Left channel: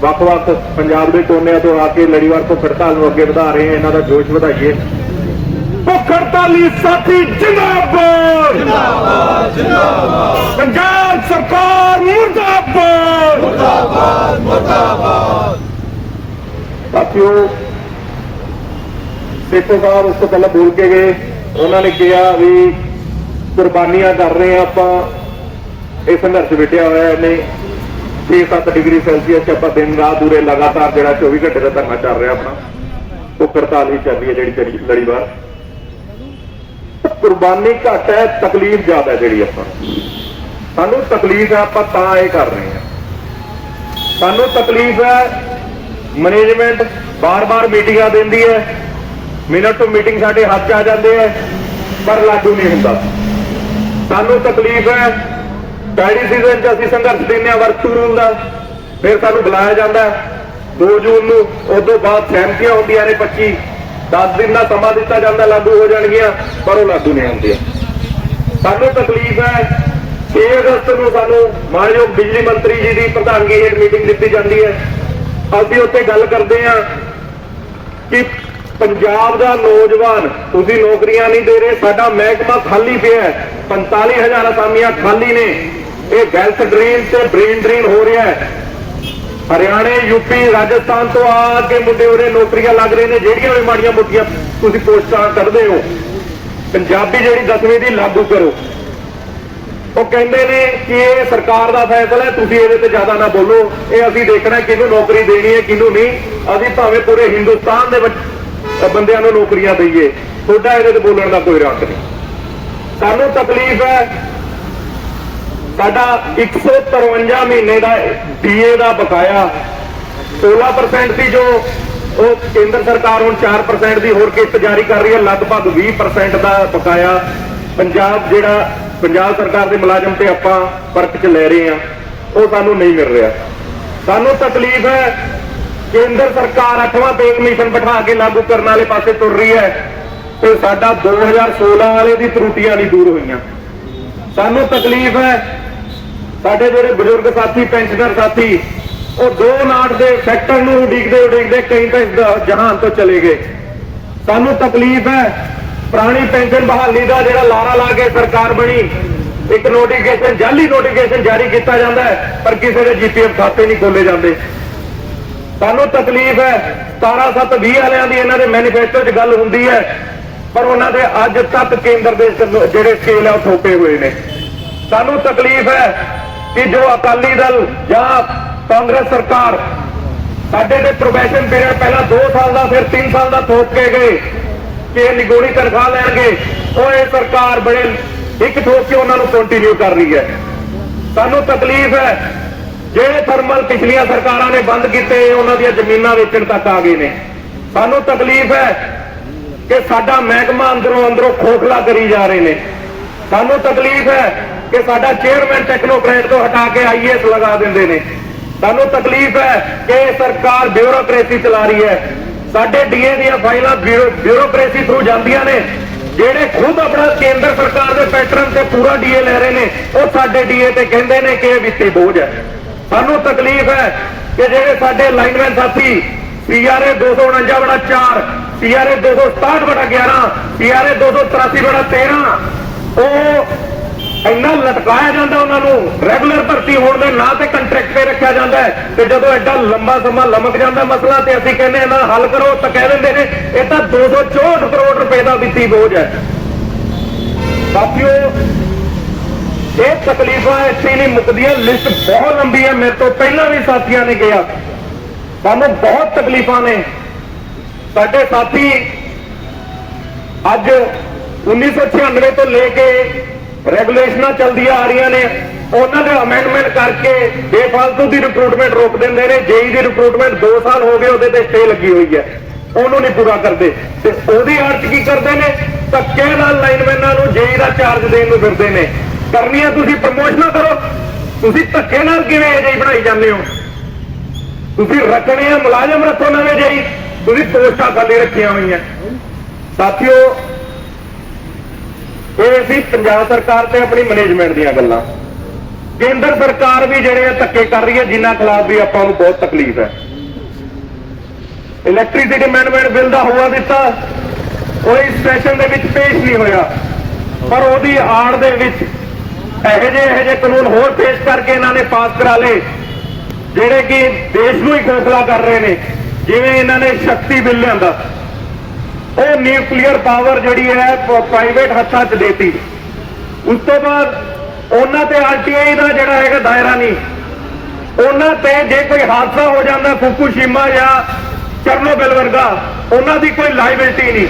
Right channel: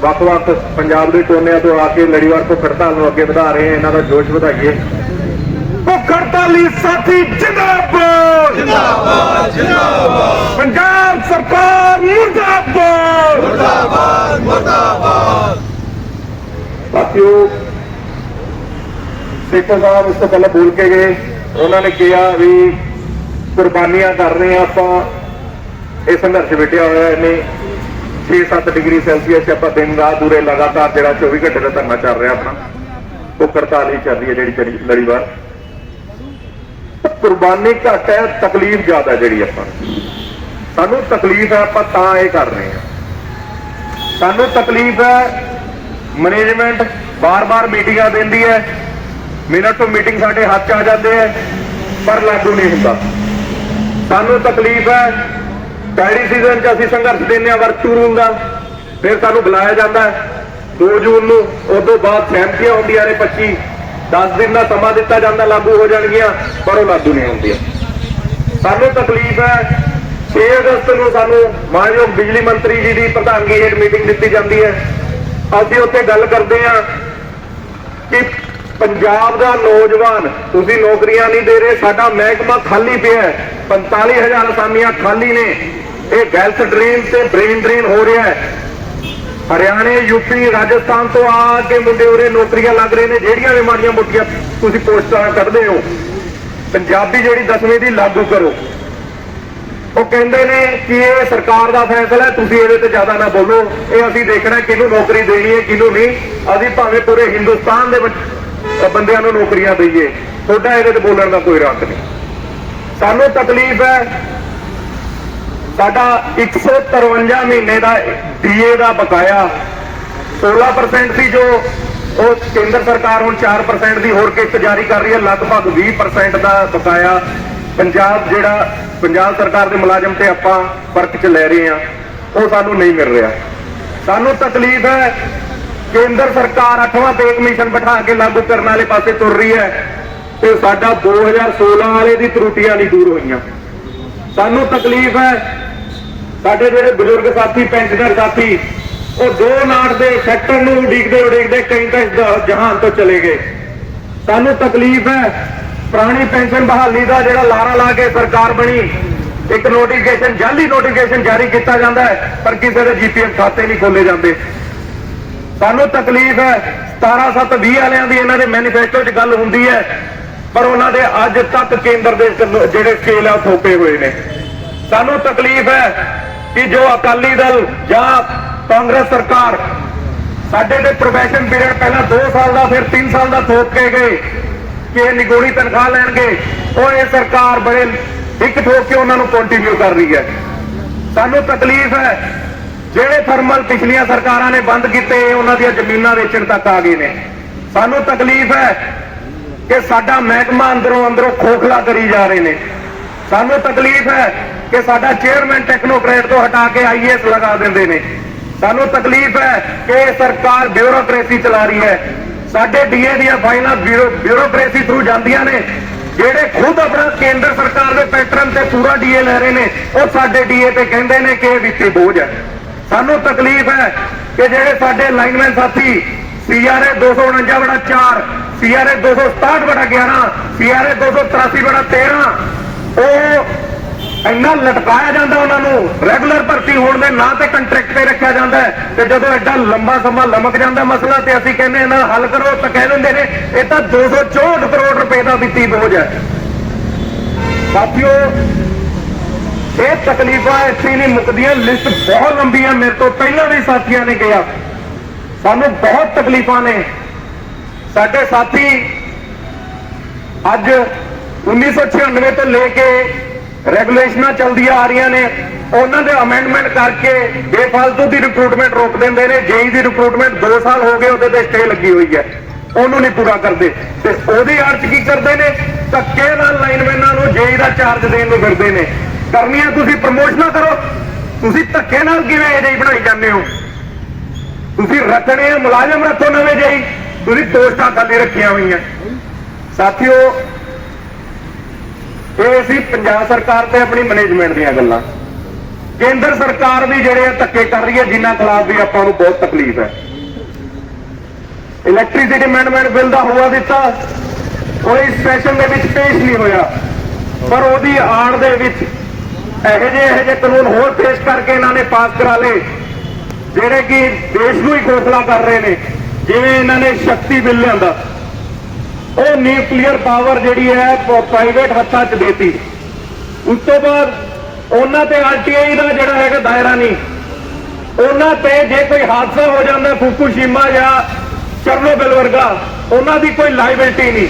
ਵੱਖ-ਵੱਖ ਪੰਜਾਬ ਦੇ ਕੋਨਿਆਂ ਤੋਂ ਆ ਕੇ ਲੜੀਵਾਰ ਭੁੱਖ ਹੜਤਾਲ ਨੂੰ ਅੱਗੇ ਵਧਾ ਰਹੇ ਆ ਇਹਨਾਂ ਦਾ ਜੋਸ਼ ਵਧਾਈਏ। ਭੁੱਖ ਹੜਤਾਲੀ ਸਾਥੀ ਜਿੰਦਾਬਾਦ! ਜਿੰਦਾਬਾਦ ਜਿੰਦਾਬਾਦ। ਪੰਜਾਬ ਸਰਕਾਰ ਮੁਰਦਾਬਾਦ! ਮੁਰਦਾਬਾਦ ਮੁਰਦਾਬਾਦ। ਸਾਥੀਓ ਸੇਖੋ ਸਾਹਿਬ ਉਸ ਤੋਂ ਪਹਿਲਾਂ ਬੋਲ ਕੇ ਗਏ। ਉਹਨਾਂ ਨੇ ਕਿਹਾ ਵੀ ਕੁਰਬਾਨੀਆਂ ਕਰ ਰਹੇ ਆ ਆਪਾਂ। ਇਹ ਸੰਘਰਸ਼ ਵਿਟਿਆ ਹੋਇਆ ਇਹਨੇ। 6-7 ਡਿਗਰੀ ਸੈਲਸੀਅਸ 'ਚ ਆਪਾਂ ਦਿਨ ਰਾਤ ਪੂਰੇ ਲਗਾਤਾਰ ਜਿਹੜਾ 24 ਘੰਟੇ ਦਾ ਧਰਨਾ ਚੱਲ ਰਿਹਾ ਆਪਣਾ, ਉਹ ਹੜਤਾਲ ਹੀ ਚੱਲ ਰਹੀ ਹੈ ਜਿਹੜੀ ਲੜੀਵਾਰ ਕੁਰਬਾਨੀ ਘੱਟ ਹੈ, ਤਕਲੀਫ ਜ਼ਿਆਦਾ ਜਿਹੜੀ ਆਪਾਂ ਸਾਨੂੰ ਤਕਲੀਫ ਹੈ, ਆਪਾਂ ਤਾਂ ਇਹ ਕਰ ਰਹੇ ਹਾਂ। ਸਾਨੂੰ ਤਕਲੀਫ ਹੈ ਮੈਨੇਜਮੈਂਟ ਬਾਰ-ਬਾਰ ਮੀਟਿੰਗਾਂ ਦਿੰਦੀ ਹੈ, ਮਿੰਟ ਤੋਂ ਮੀਟਿੰਗ ਸਾਡੇ ਹੱਥ 'ਚ ਆ ਜਾਂਦੇ ਹੈ, ਪਰ ਲਾਗੂ ਨਹੀਂ ਹੁੰਦਾ। ਸਾਨੂੰ ਤਕਲੀਫ ਹੈ ਪੈੜੀ ਸੀਜ਼ਨ 'ਚ ਅਸੀਂ ਸੰਘਰਸ਼ ਦਿੰਦੇ ਹਾਂ ਵਰਚੂ ਰੂਲ ਦਾ। ਫਿਰ ਸਾਨੂੰ ਬੁਲਾਇਆ ਜਾਂਦਾ ਹੈ। 2 ਜੂਨ ਨੂੰ, ਉਸ ਤੋਂ ਬਾਅਦ ਸਹਿਮਤੀਆਂ ਹੁੰਦੀਆਂ ਨੇ 25 10 ਦਿਨ ਦਾ ਸਮਾਂ ਦਿੱਤਾ ਜਾਂਦਾ ਲਾਗੂ ਹੋ ਜਾਣਗੀਆਂ, ਪਰ ਉਹ ਲਾਗੂ ਨਹੀਂ ਹੁੰਦੀਆਂ। ਸਾਨੂੰ ਤਕਲੀਫ ਹੈ। 6 ਅਗਸਤ ਨੂੰ ਸਾਨੂੰ ਮਾਨਯੋਗ ਬਿਜਲੀ ਮੰਤਰੀ ਜੀ ਦੀ ਪ੍ਰਧਾਨਗੀ ਹੇਠ ਮੀਟਿੰਗ ਦਿੱਤੀ ਜਾਂਦੀ ਹੈ। ਅਸੀਂ ਉੱਥੇ ਗੱਲ ਕਰਦੇ ਹਾਂ ਕਿ ਪੰਜਾਬ ਦਾ ਨੌਜਵਾਨ, ਤੁਸੀਂ ਨੌਕਰੀਆਂ ਨਹੀਂ ਦੇ ਰਹੇ, ਸਾਡਾ ਮਹਿਕਮਾ ਖਾਲੀ ਪਿਆ ਹੈ। 45000 ਅਸਾਮੀਆਂ ਖਾਲੀ ਨੇ। ਇਹ ਵੈਲਥ ਡਰੇਨ ਤੇ ਬ੍ਰੇਨ ਡਰੇਨ ਹੋ ਰਿਹਾ ਹੈ। ਹਰਿਆਣੇ ਯੂਪੀ ਰਾਜਸਥਾਨ ਤੋਂ ਆ ਕੇ ਮੁੰਡੇ ਉਰੇ ਨੌਕਰੀਆਂ ਲੱਗ ਰਹੇ ਨੇ। ਜਿਹੜੀਆਂ ਵੀ ਮਾੜੀਆਂ ਮੋਟੀਆਂ ਤੁਸੀਂ ਪੋਸਟਾਂ ਕੱਢਦੇ ਹੋ, ਪੰਜਾਬੀ ਜਿਹੜੀ 10ਵੀਂ ਦੀ ਲਾਗੂ ਕਰੋ। ਉਹ ਕਹਿੰਦੇ ਨੇ ਕਿ ਇਹ ਸਰਕਾਰ ਦਾ ਫੈਸਲਾ ਹੈ, ਤੁਸੀਂ ਇਹਦੇ ਤੇ ਜ਼ਿਆਦਾ ਨਾ ਬੋਲੋ। ਇਹ ਅਸੀਂ ਦੇਖਣਾ ਕਿਹਨੂੰ ਨੌਕਰੀ ਦੇਣੀ ਹੈ, ਕਿਹਨੂੰ ਨਹੀਂ। ਅਸੀਂ ਭਾਵੇਂ ਪੂਰੇ ਹਿੰਦੁਸਤਾਨ ਦੇ ਬੰਦਿਆਂ ਨੂੰ ਨੌਕਰੀਆਂ ਦਈਏ। ਤੁਹਾਡਾ ਇਹਦੇ ਤੇ ਬੋਲਣ ਦਾ ਕੋਈ ਰੱਖ ਨਹੀਂ। ਸਾਨੂੰ ਤਕਲੀਫ ਹੈ ਸਾਡਾ 153 ਮਹੀਨੇ ਦਾ ਡੀਏ ਦਾ ਬਕਾਇਆ 16% ਸੀ ਜੋ ਉਹ ਕੇਂਦਰ ਸਰਕਾਰ ਹੁਣ 4% ਦੀ ਹੋਰ ਕਿਸ਼ਤ ਜਾਰੀ ਕਰ ਰਹੀ ਹੈ, ਲਗਭਗ 20% ਦਾ ਬਕਾਇਆ। ਪੰਜਾਬ ਜਿਹੜਾ, ਪੰਜਾਬ ਸਰਕਾਰ ਦੇ ਮੁਲਾਜ਼ਮ ਤੇ ਆਪਾਂ ਫ਼ਰਕ ਚ ਲੈ ਰਹੇ ਆ ਉਹ ਸਾਨੂੰ ਨਹੀਂ ਮਿਲ ਰਿਹਾ। ਸਾਨੂੰ ਤਕਲੀਫ ਹੈ, ਕੇਂਦਰ ਸਰਕਾਰ 8ਵਾਂ ਪੇ ਕਮਿਸ਼ਨ ਬਿਠਾ ਕੇ ਲਾਗੂ ਕਰਨ ਵਾਲੇ ਪਾਸੇ ਤੁਰ ਰਹੀ ਹੈ ਤੇ ਸਾਡਾ 2016 ਵਾਲੇ ਦੀ ਤਰੁੱਟੀਆਂ ਨਹੀਂ ਦੂਰ ਹੋਈਆਂ। ਸਾਨੂੰ ਤਕਲੀਫ ਹੈ ਸਾਡੇ ਜਿਹੜੇ ਬਜ਼ੁਰਗ ਸਾਥੀ ਪੈਨਸ਼ਨਰ ਸਾਥੀ, ਉਹ ਦੋ ਨਾਟ ਦੇ ਸੈਕਟਰ ਨੂੰ ਉਡੀਕਦੇ ਉਡੀਕਦੇ ਕਈ ਤਾਂ ਜਹਾਨ ਤੋਂ ਚਲੇ ਗਏ। ਸਾਨੂੰ ਤਕਲੀਫ ਹੈ, ਪੁਰਾਣੀ ਪੈਨਸ਼ਨ ਬਹਾਲੀ ਦਾ ਜਿਹੜਾ ਲਾਰਾ ਲਾ ਕੇ ਸਰਕਾਰ ਬਣੀ, ਇੱਕ ਨੋਟੀਫਿਕੇਸ਼ਨ ਜਾਲੀ ਨੋਟੀਫਿਕੇਸ਼ਨ ਜਾਰੀ ਕੀਤਾ ਜਾਂਦਾ ਹੈ, ਪਰ ਕਿਸੇ ਦੇ ਜੀਪੀਐਫ ਖਾਤੇ ਨਹੀਂ ਖੋਲੇ ਜਾਂਦੇ। ਸਾਨੂੰ ਤਕਲੀਫ ਹੈ 17720 ਵਾਲਿਆਂ ਦੀ ਇਹਨਾਂ ਦੇ ਮੈਨੀਫੈਸਟੋ 'ਚ ਗੱਲ ਹੁੰਦੀ ਹੈ, ਪਰ ਉਹਨਾਂ ਦੇ ਅੱਜ ਤੱਕ ਕੇਂਦਰ ਦੇ ਜਿਹੜੇ ਸਕੇਲ ਆ ਉਹ ਥੋਪੇ ਹੋਏ ਨੇ। ਸਾਨੂੰ ਤਕਲੀਫ ਹੈ ਕਿ ਜੋ ਅਕਾਲੀ ਦਲ ਜਾਂ ਕਾਂਗਰਸ ਸਰਕਾਰ ਸਾਡੇ ਤੇ ਪ੍ਰੋਬੇਸ਼ਨ ਪੀਰੀਅਡ ਪਹਿਲਾਂ 2 ਸਾਲ ਦਾ, ਫਿਰ 3 ਸਾਲ ਦਾ ਥੋਪ ਕੇ ਗਏ ਕਿ ਇਹ ਨਿਗੋਣੀ ਤਨਖਾਹ ਲੈਣਗੇ। ਉਹ ਇਹ ਸਰਕਾਰ ਬੜੇ ਇੱਕ ਠੋਕ ਕੇ ਉਹਨਾਂ ਨੂੰ ਕੰਟੀਨਿਊ ਕਰ ਰਹੀ ਹੈ। ਸਾਨੂੰ ਤਕਲੀਫ ਹੈ। ਜਿਹੜੇ ਥਰਮਲ ਪਿਛਲੀਆਂ ਸਰਕਾਰਾਂ ਨੇ ਬੰਦ ਕੀਤੇ ਉਹਨਾਂ ਦੀਆਂ ਜ਼ਮੀਨਾਂ ਵੇਚਣ ਤੱਕ ਆ ਗਏ ਨੇ। ਸਾਨੂੰ ਤਕਲੀਫ ਹੈ ਕਿ ਸਾਡਾ ਮਹਿਕਮਾ ਅੰਦਰੋਂ ਅੰਦਰੋਂ ਖੋਖਲਾ ਕਰੀ ਜਾ ਰਹੇ ਨੇ। ਸਾਨੂੰ ਤਕਲੀਫ ਹੈ ਕਿ ਸਾਡਾ ਚੇਅਰਮੈਨ ਟੈਕਨੋਕ੍ਰੇਟ ਤੋਂ ਹਟਾ ਕੇ ਆਈਐਸ ਲਗਾ ਦਿੰਦੇ ਨੇ। ਸਾਨੂੰ ਤਕਲੀਫ ਹੈ ਕਿ ਸਰਕਾਰ ਬਿਊਰੋਕ੍ਰੇਸੀ ਚਲਾ ਰਹੀ ਹੈ। ਸਾਡੇ ਡੀਏ ਦੀਆਂ ਫਾਈਲਾਂ ਬਿਊਰੋਕ੍ਰੇਸੀ ਥਰੂ ਜਾਂਦੀਆਂ ਨੇ। ਜਿਹੜੇ ਖੁਦ ਆਪਣਾ ਕੇਂਦਰ ਸਰਕਾਰ ਦੇ ਪੈਟਰਨ ਤੇ ਪੂਰਾ ਡੀਏ ਲੈ ਰਹੇ ਨੇ, ਉਹ ਸਾਡੇ ਡੀਏ ਤੇ ਕਹਿੰਦੇ ਨੇ ਕਿ ਇਹ ਵਿੱਤੀ ਬੋਝ ਹੈ। ਸਾਨੂੰ ਤਕਲੀਫ ਹੈ ਕਿ ਜਿਹੜੇ ਸਾਡੇ ਲਾਈਨਮੈਨ ਸਾਥੀ ਸੀਆਰਏ 249 ਬੜਾ 4 ਸੀਆਰਏ 267 ਬੜਾ 11 ਸੀਆਰਏ 283 ਬੜਾ 13 ਉਹ ਇੰਨਾ ਲਟਕਾਇਆ ਜਾਂਦਾ ਉਹਨਾਂ ਨੂੰ। ਰੈਗੂਲਰ ਭਰਤੀ ਹੋਣ ਦੇ ਨਾਂ ਤੇ ਕੰਟਰੈਕਟ ਤੇ ਰੱਖਿਆ ਜਾਂਦਾ ਤੇ ਜਦੋਂ ਐਡਾ ਲੰਬਾ ਸਮਾਂ ਲਮਕ ਜਾਂਦਾ ਮਸਲਾ ਤੇ ਅਸੀਂ ਕਹਿੰਦੇ ਇਹਨਾਂ ਹੱਲ ਕਰੋ, ਤਾਂ ਕਹਿ ਦਿੰਦੇ ਨੇ, ਇਹ ਤਾਂ 264 ਕਰੋੜ ਰੁਪਏ ਦਾ ਵਿੱਤੀ ਬੋਝ ਹੈ। ਸਾਥੀਓ, ਇਹ ਤਕਲੀਫਾਂ ਇੱਥੇ ਨਹੀਂ ਮੁੱਕਦੀਆਂ ਲਿਸਟ ਬਹੁਤ ਲੰਬੀ ਹੈ। ਮੇਰੇ ਤੋਂ ਪਹਿਲਾਂ ਵੀ ਸਾਥੀਆਂ ਨੇ ਕਿਹਾ, ਸਾਨੂੰ ਬਹੁਤ ਤਕਲੀਫਾਂ ਨੇ। ਸਾਡੇ ਸਾਥੀ ਅੱਜ 1996 ਤੋਂ ਲੈ ਕੇ ਰੈਗੂਲੇਸ਼ਨਾਂ ਚੱਲਦੀਆਂ ਆ ਰਹੀਆਂ ਨੇ। ਉਹਨਾਂ ਦੇ ਅਮੈਂਡਮੈਂਟ ਕਰਕੇ ਬੇਫਾਲਤੂ ਦੀ ਰਿਕਰੂਟਮੈਂਟ ਰੋਕ ਦਿੰਦੇ ਨੇ। ਜੇਈ ਦੀ ਰਿਕਰੂਟਮੈਂਟ 2 ਸਾਲ ਹੋ ਗਏ, ਉਹਦੇ ਤੇ ਸਟੇ ਲੱਗੀ ਹੋਈ ਹੈ। ਉਹਨੂੰ ਨਹੀਂ ਪੂਰਾ ਕਰਦੇ। ਤੇ ਉਹਦੀ ਅਰਥ ਕੀ ਕਰਦੇ ਨੇ? ਧੱਕੇ ਨਾਲ ਲਾਈਨਮੈਨਾਂ ਨੂੰ ਜੇਈ ਦਾ ਚਾਰਜ ਦੇਣ ਨੂੰ ਫਿਰਦੇ ਨੇ। ਕਰਨੀਆਂ ਤੁਸੀਂ ਪ੍ਰਮੋਸ਼ਨਾਂ ਕਰੋ। ਤੁਸੀਂ ਧੱਕੇ ਨਾਲ ਕਿਵੇਂ ਜੇਈ ਬਣਾਈ ਜਾਂਦੇ ਹੋ? ਤੁਸੀਂ ਰੱਖਣੇ ਆ, ਮੁਲਾਜ਼ਮ ਰੱਖੋ ਨਵੇਂ ਜੇਈ। ਤੁਸੀਂ ਪੋਸਟਾਂ ਖਾਲੀ ਰੱਖੀਆਂ ਹੋਈਆਂ। ਸਾਥੀਓ ਇਹ ਸੀ ਪੰਜਾਬ ਸਰਕਾਰ ਤੇ ਆਪਣੀ ਮੈਨੇਜਮੈਂਟ ਦੀਆਂ ਗੱਲਾਂ। ਕੇਂਦਰ ਸਰਕਾਰ ਵੀ ਜਿਹੜੇ ਆ ਧੱਕੇ ਕਰ ਰਹੀ ਹੈ, ਜਿਨ੍ਹਾਂ ਖਿਲਾਫ ਵੀ ਆਪਾਂ ਨੂੰ ਬਹੁਤ ਤਕਲੀਫ ਹੈ। ਇਲੈਕਟ੍ਰਿਸਿਟੀ ਅਮੈਂਡਮੈਂਟ ਬਿੱਲ ਦਾ ਹੋਆ ਦਿੱਤਾ। ਕੋਈ ਸੈਸ਼ਨ ਦੇ ਵਿੱਚ ਪੇਸ਼ ਨਹੀਂ ਹੋਇਆ। ਪਰ ਉਹਦੀ ਆੜ ਦੇ ਵਿੱਚ ਇਹੋ ਜਿਹੇ ਇਹੋ ਜਿਹੇ ਕਾਨੂੰਨ ਹੋਰ ਪੇਸ਼ ਕਰਕੇ ਇਹਨਾਂ ਨੇ ਪਾਸ ਕਰਾ ਲਏ, ਜਿਹੜੇ ਕਿ ਦੇਸ਼ ਨੂੰ ਹੀ ਖੋਖਲਾ ਕਰ ਰਹੇ ਨੇ, ਜਿਵੇਂ ਇਹਨਾਂ ਨੇ ਸ਼ਕਤੀ ਬਿੱਲ ਲਿਆਂਦਾ। ਉਹ ਨਿਊਕਲੀਅਰ ਪਾਵਰ ਜਿਹੜੀ ਹੈ ਪ੍ਰਾਈਵੇਟ ਹੱਥਾਂ 'ਚ ਦੇਤੀ। ਉਸ ਤੋਂ ਬਾਅਦ ਉਹਨਾਂ ਤੇ ਆਰਟੀਆਈ ਦਾ ਜਿਹੜਾ ਹੈਗਾ ਦਾਇਰਾ ਨਹੀਂ। ਉਹਨਾਂ ਤੇ ਜੇ ਕੋਈ ਹਾਦਸਾ ਹੋ ਜਾਂਦਾ, ਫੁਕੂਸ਼ੀਮਾ ਜਾਂ ਸਰਨੋਬਿਲ ਵਰਗਾ, ਉਹਨਾਂ ਦੀ ਕੋਈ ਲਾਇਬਿਲਟੀ ਨਹੀਂ।